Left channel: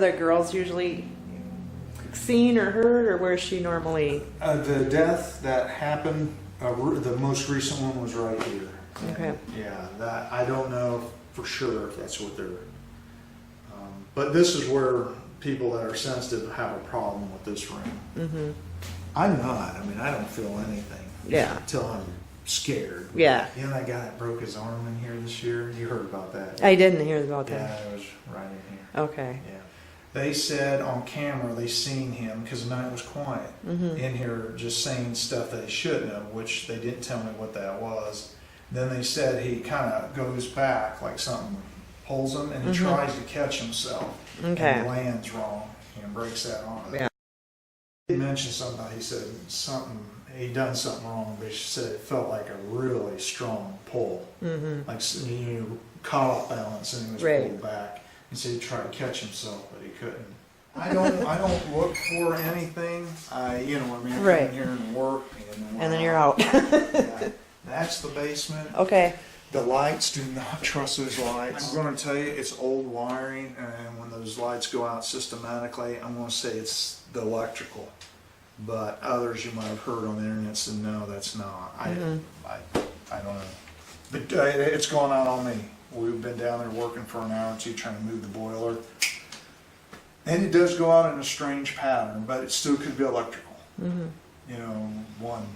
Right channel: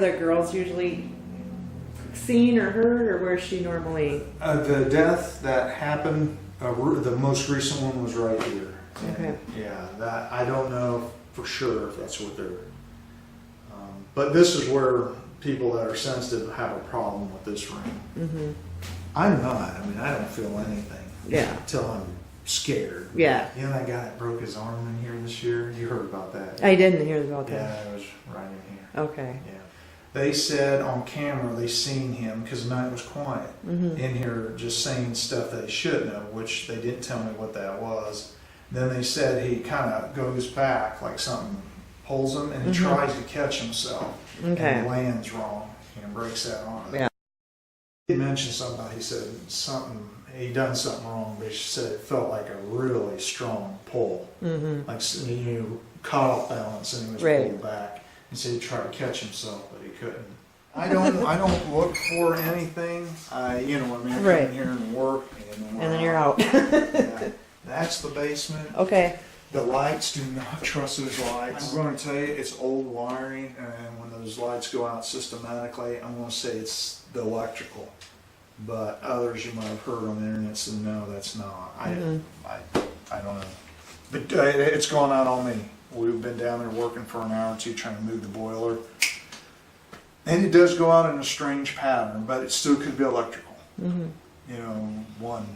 the girls usually seen or heard, or where's she normally? The death that happened, the most recent one was right here. And Okay. yeah, that I don't know for sure if that's what they're. But this is where people that are sensitive have a problem with this room. Mm-hmm. I'm not. I mean, I don't feel anything. Yeah. Until I'm scared. Yeah. You know that guy that broke his arm in here this year? You heard about that? I didn't hear about that. Yeah, it was right in here. Okay. Yeah. They said on camera they seen him, because the night was quiet, in here just saying stuff that he shouldn't have, which they didn't tell me what that was. Then they said he kind of goes back, like something pulls him, and he tries to catch himself. Okay. And he lands wrong and breaks that arm. Yeah. He mentioned something, he said something, he done something wrong, but he said it felt like a really strong pull. Like you caught off balance and he was pulled back. He said he tried to catch himself, but he couldn't. I don't look for anything. You know what I mean? I come in here and work, and then you're out. Yeah. That's the basement. Okay. The lights, do not trust those lights. I'm going to tell you, it's old wiring, and when those lights go out systematically, I'm going to say it's the electrical. But others you might have heard on the internet said, no, that's not. I don't know. But it's gone out on me. We've been down there working for an hour or two trying to move the boiler. And it does go out in a strange pattern, but it still could be electrical. You know, 1,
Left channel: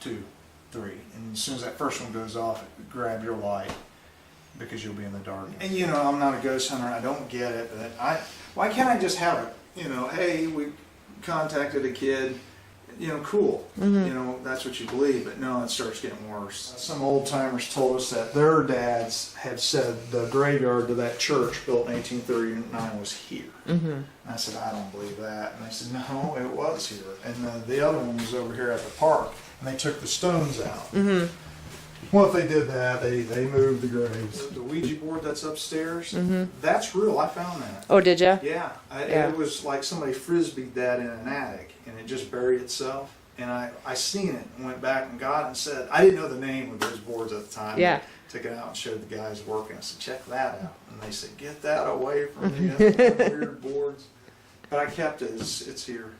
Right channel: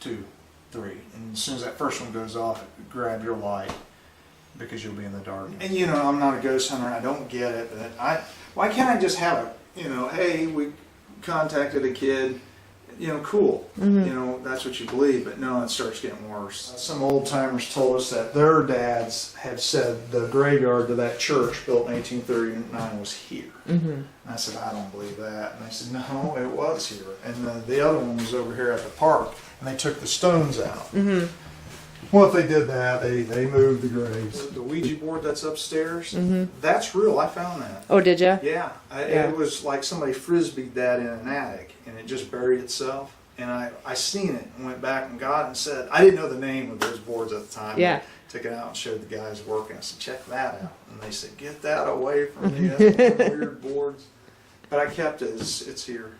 2, 3. And as soon as that first one goes off, grab your light because you'll be in the dark. And you know, I'm not a ghost hunter. I don't get it. But why can't I just have a, you know, hey, we contacted a kid. You know, cool. You know, that's what you believe, but no, it starts getting worse. Some old timers told us that their dads had said the graveyard to that church built in 1839 was here. And I said, I don't believe that. And they said, no, it was here. And the other one was over here at the park, and they took the stones out. Well, if they did that, they moved the graves. The Ouija board that's upstairs, that's real. I found that. Oh, did you? Yeah. It was like somebody frisbeed that in an attic, and it just buried itself. And I seen it and went back and got it and said, I didn't know the name of those boards at the time. Yeah. Took it out and showed the guys working. I said, check that out. And they said, get that away from me. That's one of the weird boards. But I kept it. It's here.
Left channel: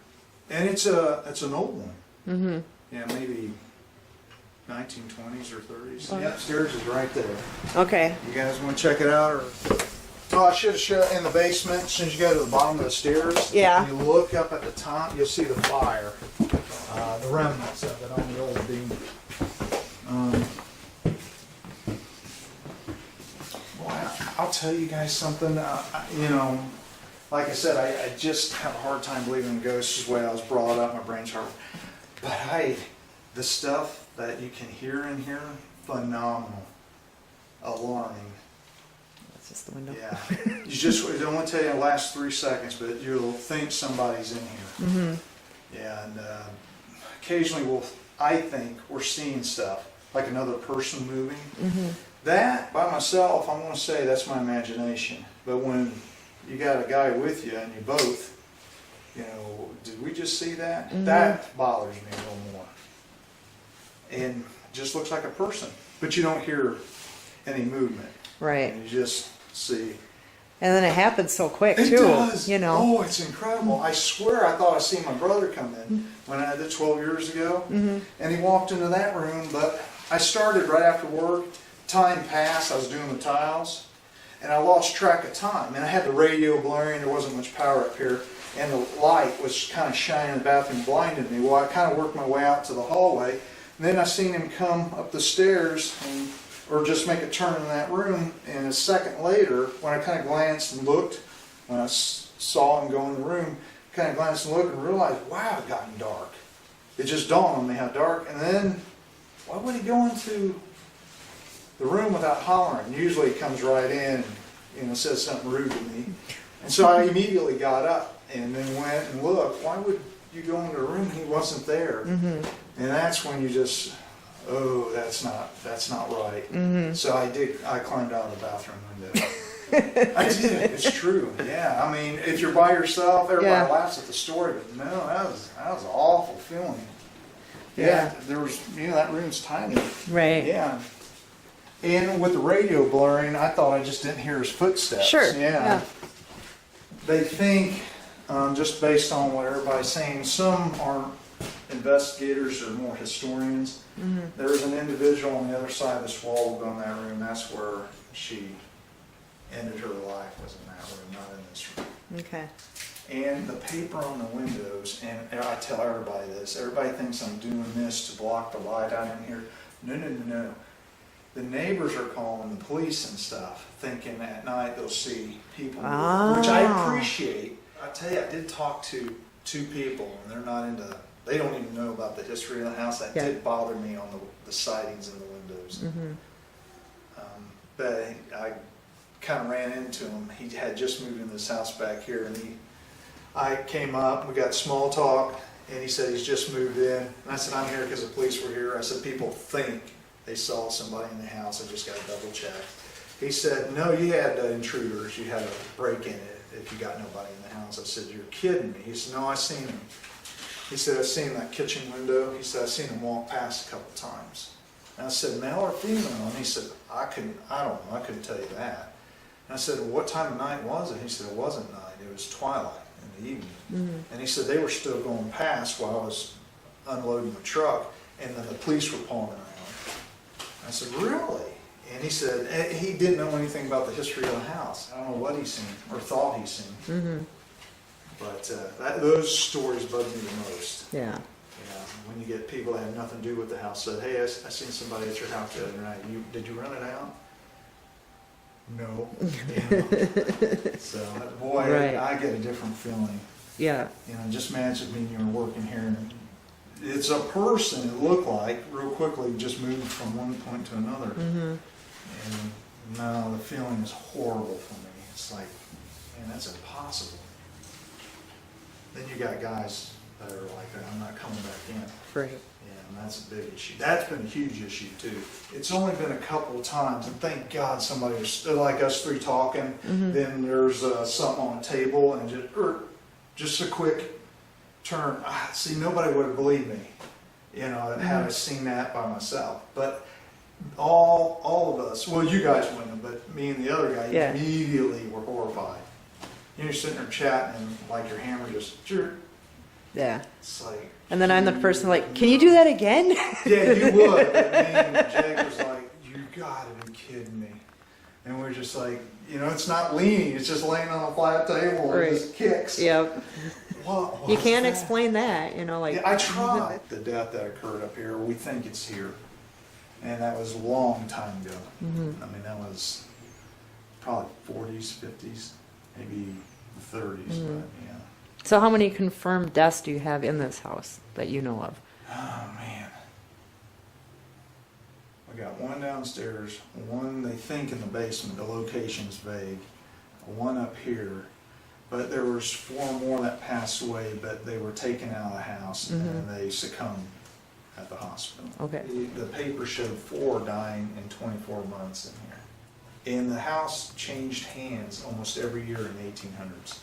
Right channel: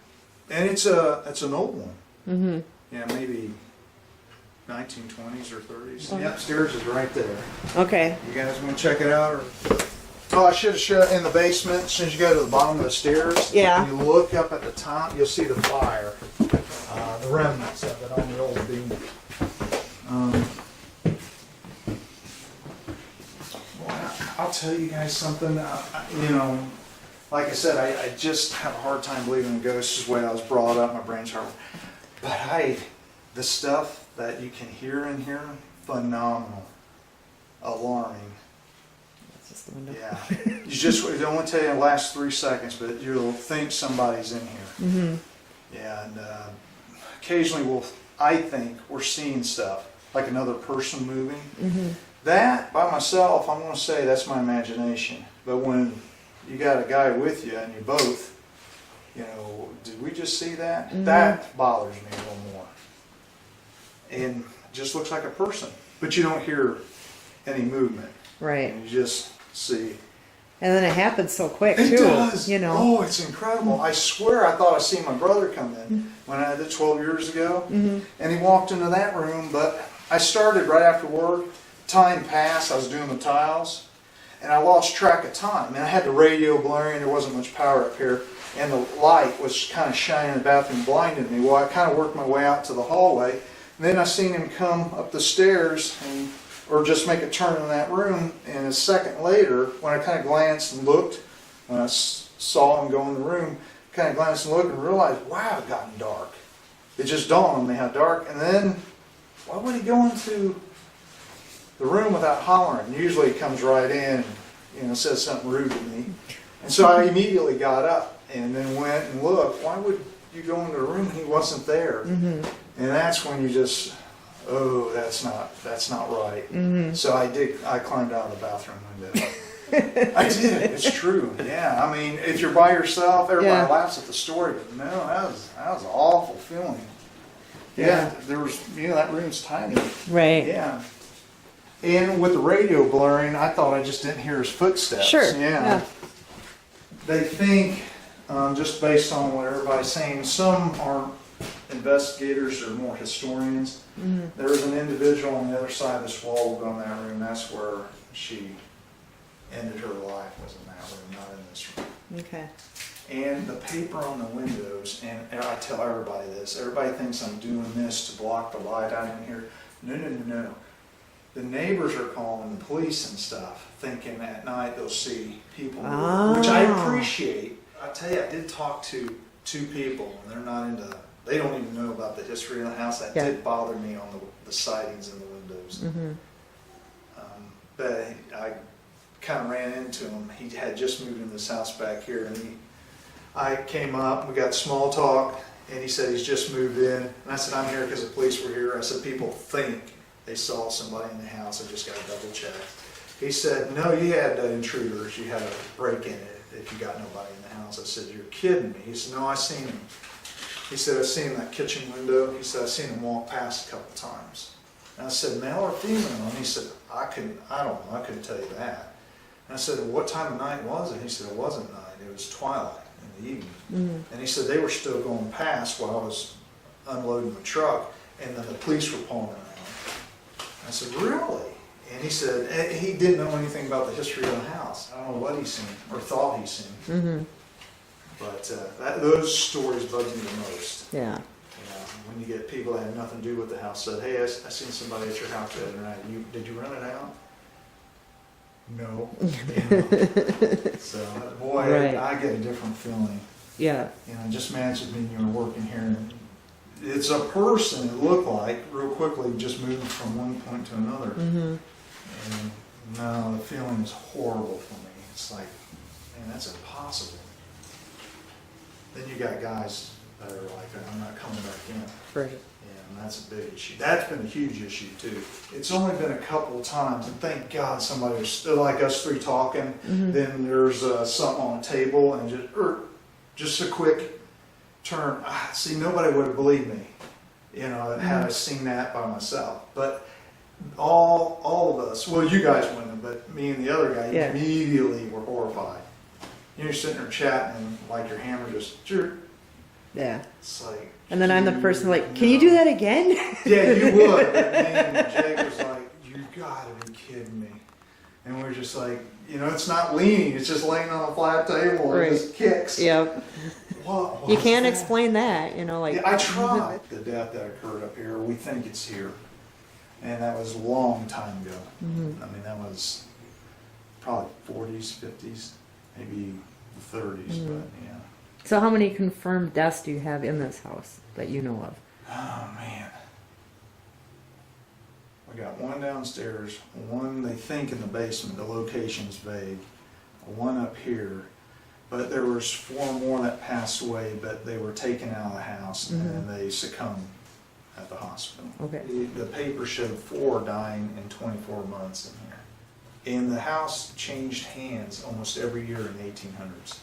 And it's an old one. Yeah, maybe 1920s or 30s. The upstairs is right there. Okay. You guys want to check it out? Or? Oh, I should have showed in the basement. As soon as you go to the bottom of the stairs, Yeah. you look up at the top, you'll see the fire, the remnants of it on the old beam. Well, I'll tell you guys something. You know, like I said, I just have a hard time believing in ghosts. Is the way I was brought up. My brain's hard. But the stuff that you can hear in here, phenomenal, alarming. That's just the window. Yeah, it only tell you in the last 3 seconds, but you'll think somebody's in here. Yeah, and occasionally I think we're seeing stuff, like another person moving. That, by myself, I'm going to say that's my imagination. But when you got a guy with you and you both, you know, did we just see that? That bothers me a little more. And just looks like a person, but you don't hear any movement. Right. And you just see. And then it happens so quick, too. It does. You know. Oh, it's incredible. I swear I thought I seen my brother come in when I did 12 years ago. And he walked into that room, but I started right after work. Time passed. I was doing the tiles. And I lost track of time. And I had the radio blaring. There wasn't much power up here. And the light was kind of shining in the bathroom, blinded me. Well, I kind of worked my way out to the hallway. And then I seen him come up the stairs or just make a turn in that room. And a second later, when I kind of glanced and looked, when I saw him go in the room, kind of glanced and looked and realized, wow, it gotten dark. It just dawned on me how dark. And then, why would he go into the room without hollering? Usually he comes right in and says something rude to me. And so I immediately got up and then went and looked. Why would you go into the room and he wasn't there? And that's when you just, oh, that's not right. So I climbed out of the bathroom window. I did. It's true. Yeah. I mean, if you're by yourself, everybody laughs at the story, but no, that was an awful feeling. Yeah. There was, that room's tiny. Right. Yeah. And with the radio blaring, I thought I just didn't hear his footsteps. Sure. Yeah. they think, just based on what everybody's saying, some aren't investigators or more historians. There was an individual on the other side of this wall, we'll go in that room, that's where she ended her life, was in that room, not in this room. Okay. And the paper on the windows, and I tell everybody this, everybody thinks I'm doing this to block the light out in here. No, no, no, no. The neighbors are calling the police and stuff, thinking at night they'll see people, which I appreciate. I tell you, I did talk to 2 people, and they're not into, they don't even know about the history of the house. That did bother me on the sidings and the windows. But I kind of ran into him. He had just moved into this house back here, and I came up, we got small talk, and he said he's just moved in. And I said, I'm here because the police were here. I said, people think they saw somebody in the house. I just got to double check. He said, no, you had intruders. You had a break in it if you got nobody in the house. I said, you're kidding me. He said, no, I seen him. He said, I seen that kitchen window. He said, I seen him walk past a couple times. And I said, male or female? And he said, I don't know, I couldn't tell you that. And I said, well, what time of night was it? He said, it wasn't night, it was twilight in the evening. And he said, they were still going past while I was unloading the truck, and then the police were pulling around. I said, really? And he said, he didn't know anything about the history of the house. I don't know what he's seen, or thought he's seen. But those stories bug me the most. Yeah. When you get people that have nothing to do with the house said, hey, I seen somebody at your house the other night. Did you rent it out? No. So, boy, Right. I get a different feeling. Yeah. Just imagine me, you were working here, and it's a person, it looked like, real quickly just moved from one point to another. And no, the feeling is horrible for me. It's like, man, that's impossible. Then you got guys that are like, I'm not coming back in. Right. And that's a big issue. That's been a huge issue too. It's only been a couple of times, and thank God somebody was like us 3 talking. Then there's something on the table, and just a quick turn. See, nobody would have believed me, had I seen that by myself. But all of us, well, you guys wouldn't, but me and the other guy immediately were horrified. You're sitting there chatting, and like your hammer just. Yeah. It's like, and then I'm the person like, can you do that again? Yeah, you would. But me and Jake was like, you gotta be kidding me. And we're just like, it's not leaning, it's just laying on a flat table and it just kicks. Yep. What You can't explain that, like. Yeah, I tried. The death that occurred up here, we think it's here. And that was a long time ago. I mean, that was probably 40s, 50s, maybe the 30s, but yeah. So how many confirmed deaths do you have in this house that you know of? Oh, man. We got one downstairs, one they think in the basement, the location's vague, one up here, but there was 4 more that passed away, but they were taken out of the house and they succumbed at the hospital. Okay. The paper showed 4 dying in 24 months in here. And the house changed hands almost every year in the 1800s.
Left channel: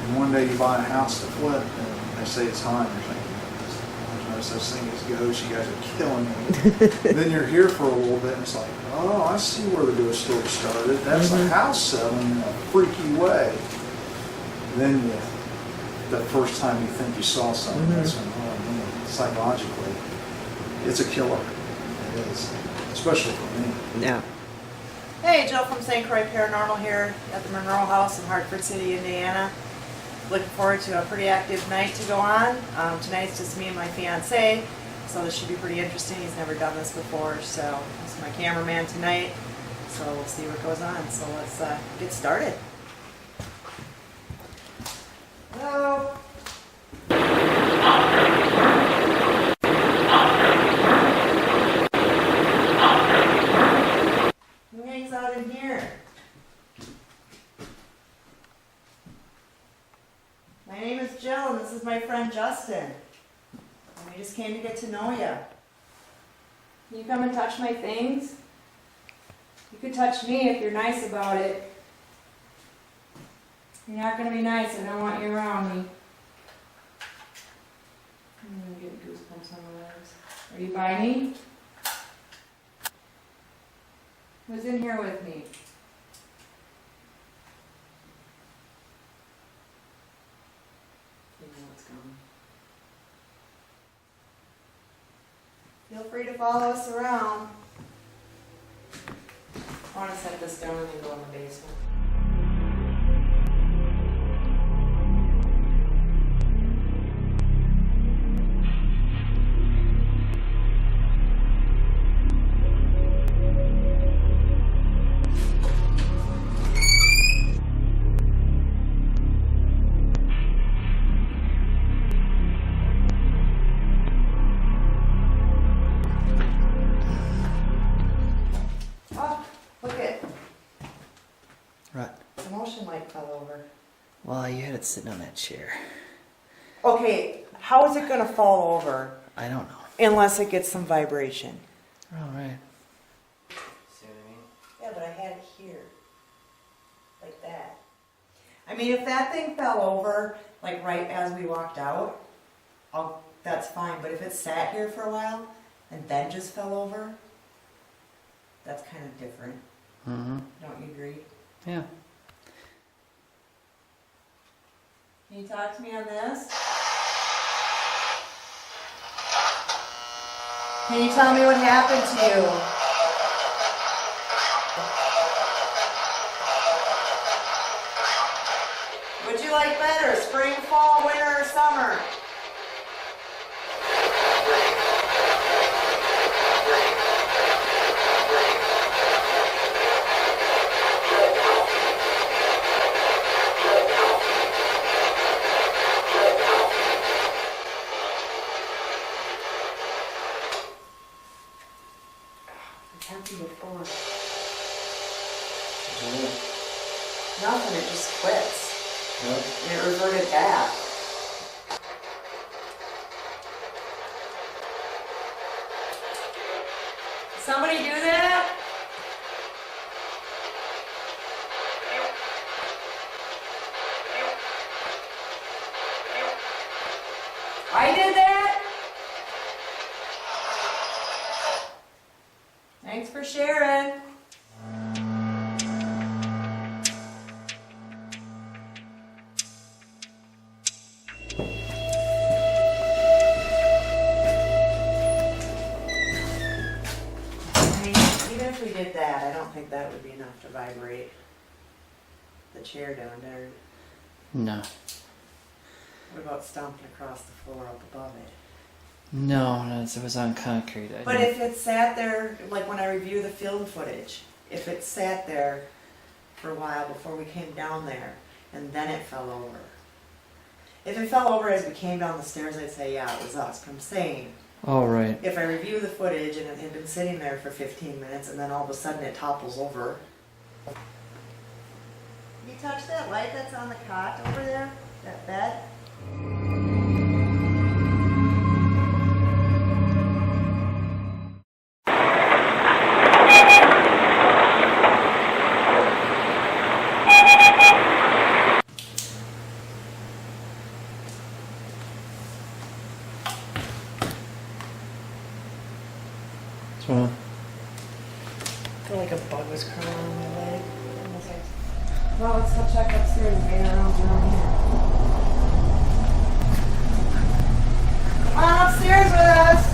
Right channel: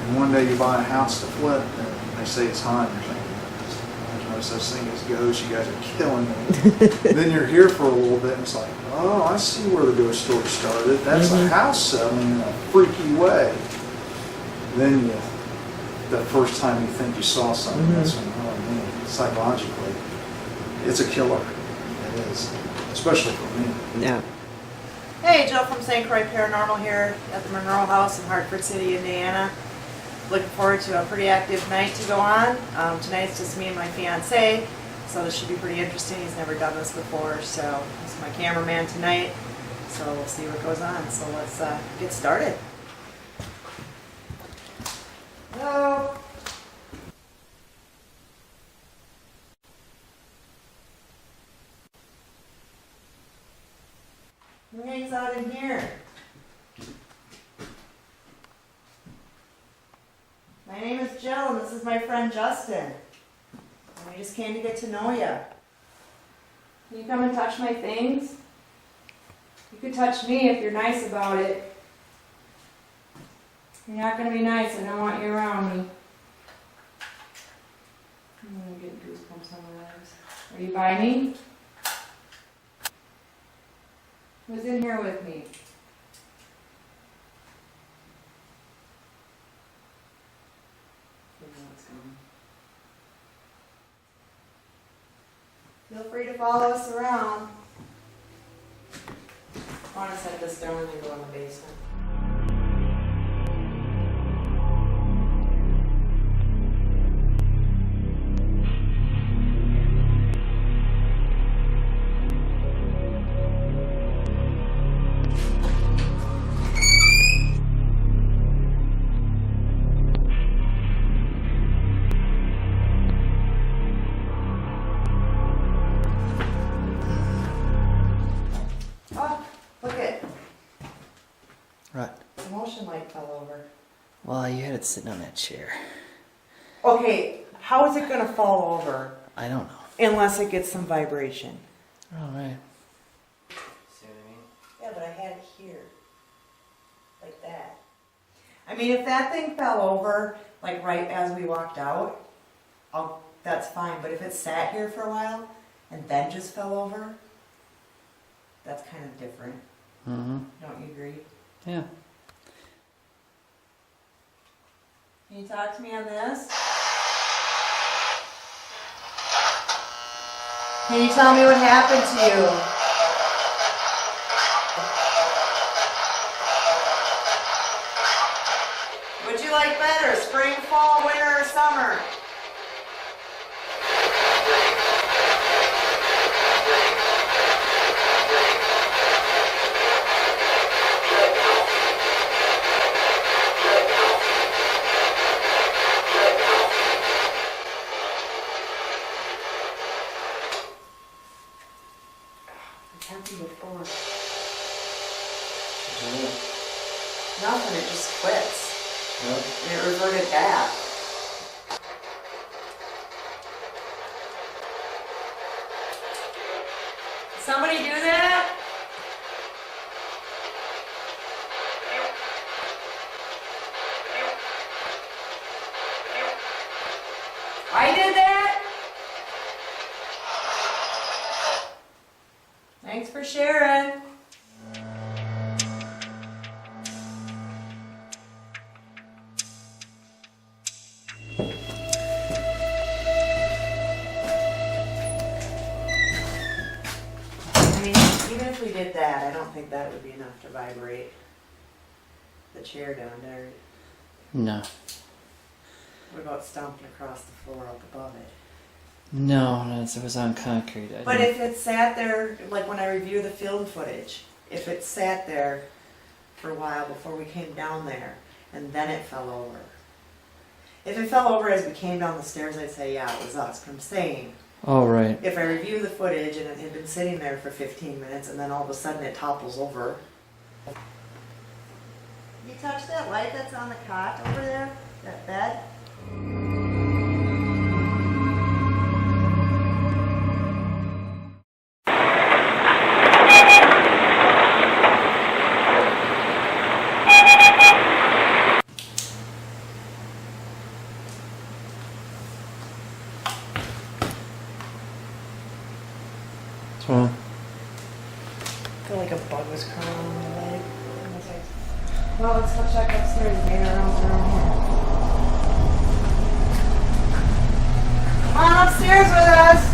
And one day you buy a house to flip, and they say it's haunted or something. There's no such thing as ghosts. You guys are killing me. Then you're here for a little bit, and it's like, oh, I see where the ghost story started. That's a house selling in a freaky way. Then the first time you think you saw something, that's when, oh man, psychologically, it's a killer. It is, especially for me. Yeah. Hey, Jill from St.Croix Paranormal here at the Monroe house in Hartford City, Indiana. Looking forward to a pretty active night to go on. Tonight's just me and my fiance, so this should be pretty interesting. He's never done this before, so he's my cameraman tonight. So we'll see what goes on. So let's get started. Hello. Who hangs out in here? My name is Jill, and this is my friend Justin. And we just came to get to know you. Can you come and touch my things? You could touch me if you're nice about it. You're not going to be nice. I don't want you around me. I'm going to get goosebumps on my legs. Are you by me? Who's in here with me? follow us around. I want to set this down and then go in the basement. Oh, look it. Right. The motion light fell over. Well, you had it sitting on that chair. Okay, how is it gonna fall over I don't know. unless it gets some vibration? All right. See what I mean? Yeah, but I had it here. Like that. I mean, if that thing fell over, like right as we walked out, that's fine. But if it sat here for a while and then just fell over, that's kind of different. Mm-hmm. Don't you agree? Yeah. Can you talk to me on this? Can you tell me what happened to you? Would you like better, spring, fall, winter, or summer? It's happened before. Nothing, it just quits. And it reverted back. Somebody do that? I did that? Thanks for sharing. I mean, even if we did that, I don't think that would be enough to vibrate the chair down there. No. What about stomping across the floor up above it? No, it was on concrete. But if it sat there, like when I review the film footage, if it sat there for a while before we came down there, and then it fell over. If it fell over as we came down the stairs, I'd say, yeah, it was us. But I'm saying, All right. if I review the footage and it had been sitting there for 15 minutes, and then all of a sudden it topples over. You touch that light that's on the cot over there? That bed? What's wrong? I feel like a bug was crawling on my leg. Well, let's go check upstairs and maybe around here. Come on upstairs with us!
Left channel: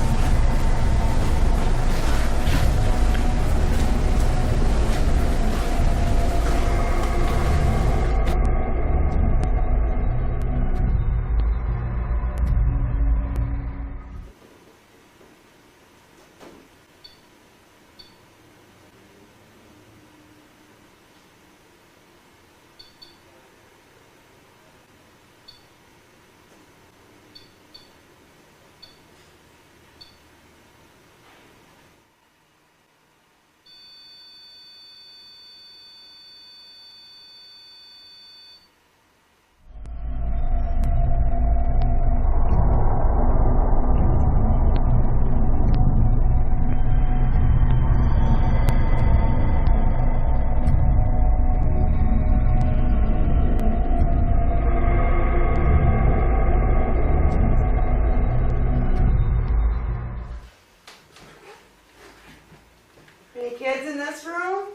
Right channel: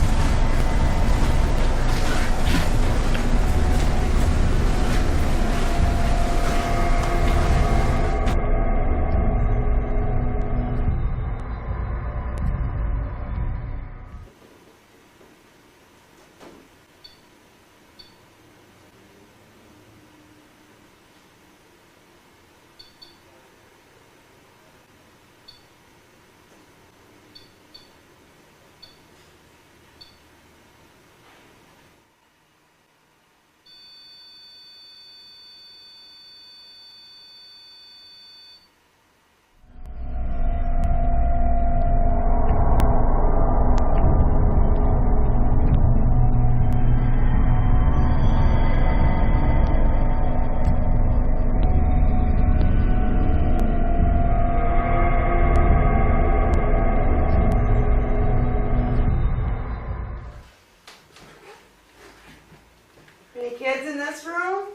Any kids in this room?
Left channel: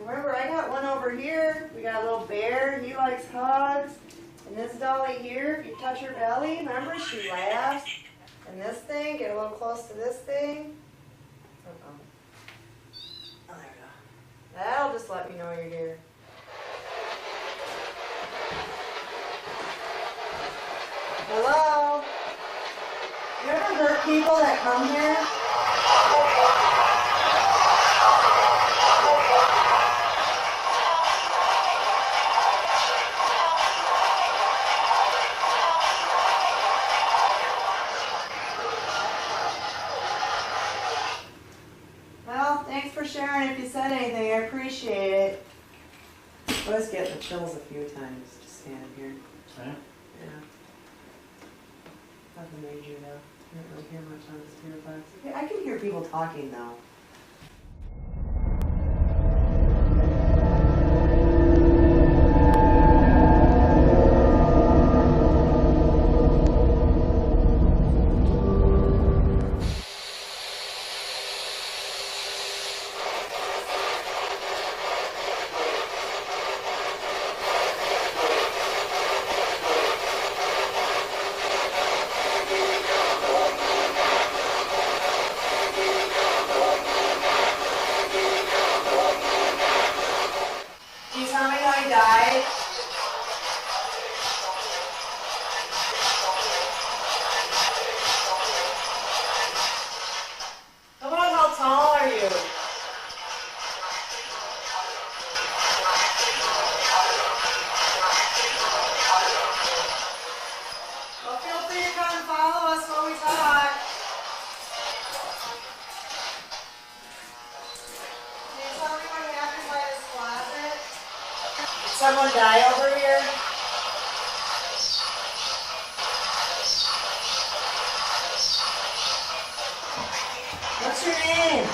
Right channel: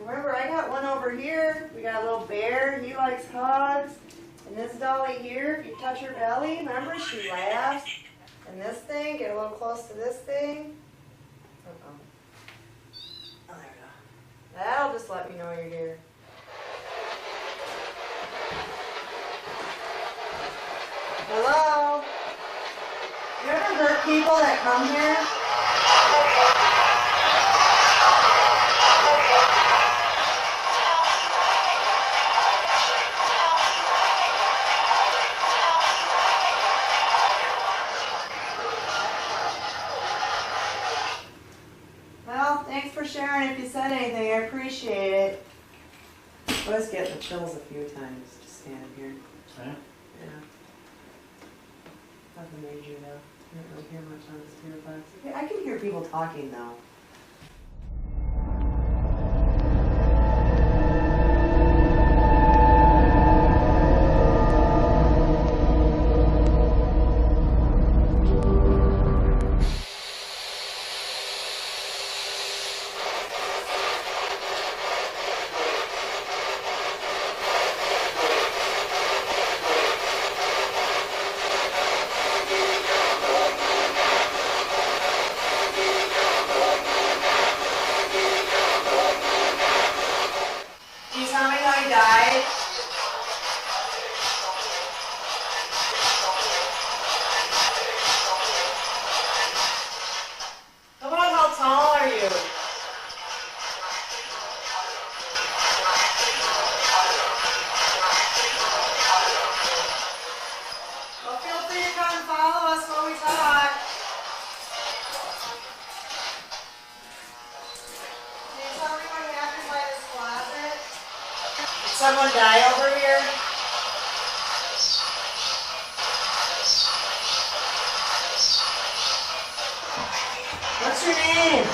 Remember, I got one over here. We got a little bear. He likes hugs. And And this dolly here, if you touch her belly, remember she laughs. And this thing, get a little close to this thing. Uh-oh. Oh, there we go. That'll just let me know you're here. Hello? You ever hurt people that come here? Well, thanks for sharing if you said anything. I appreciate it. I was getting the chills a few times just standing here. Yeah. Yeah. Nothing major though. I don't really hear much on the spirit box. Okay, I can hear people talking though. Can you tell me how he died? How about how tall are you? Well, feel free to come and follow us while we talk. Can you tell me what happened by this closet? Did someone die over here? What's your name?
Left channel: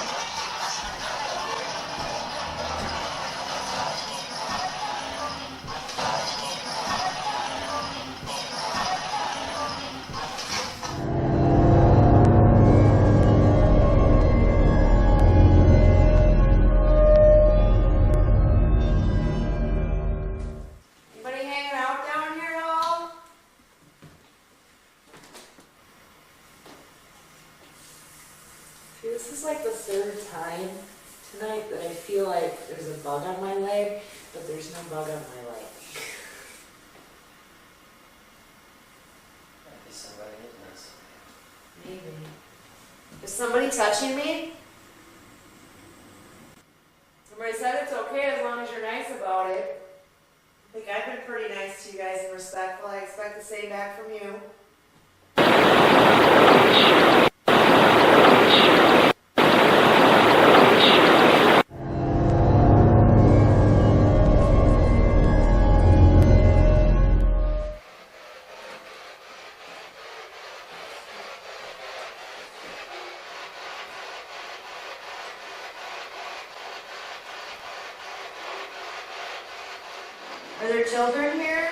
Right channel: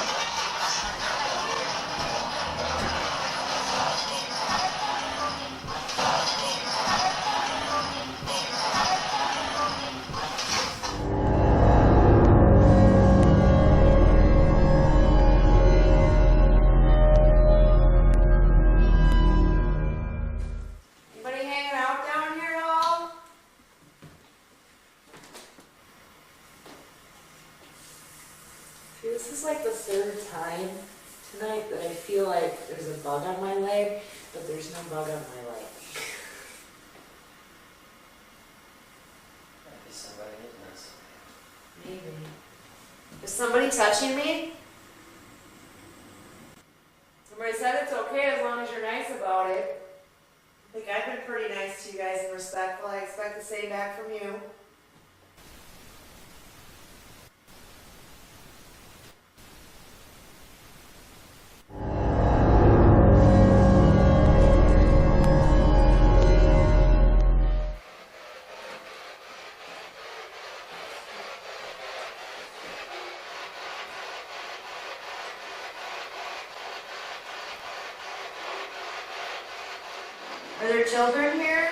Anybody hanging out down here at all? See, this is like the third time tonight that I feel like there's a bug on my leg, but there's no bug on my leg. Maybe somebody is nice. Maybe. Is somebody touching me? Somebody said it's okay as long as you're nice about it. I think I've been pretty nice to you guys and respectful. I expect the same back from you. Are there children here?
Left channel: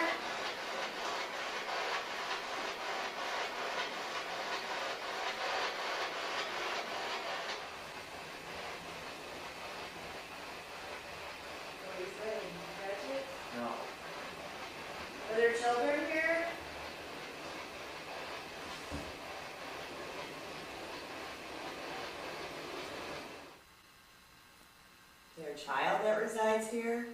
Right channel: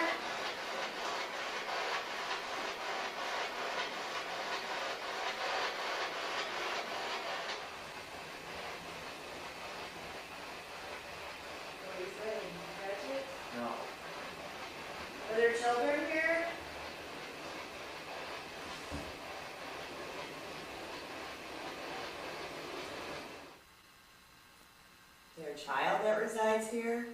What do you say? Catch it? No. Are there children here? Is there a child that resides here?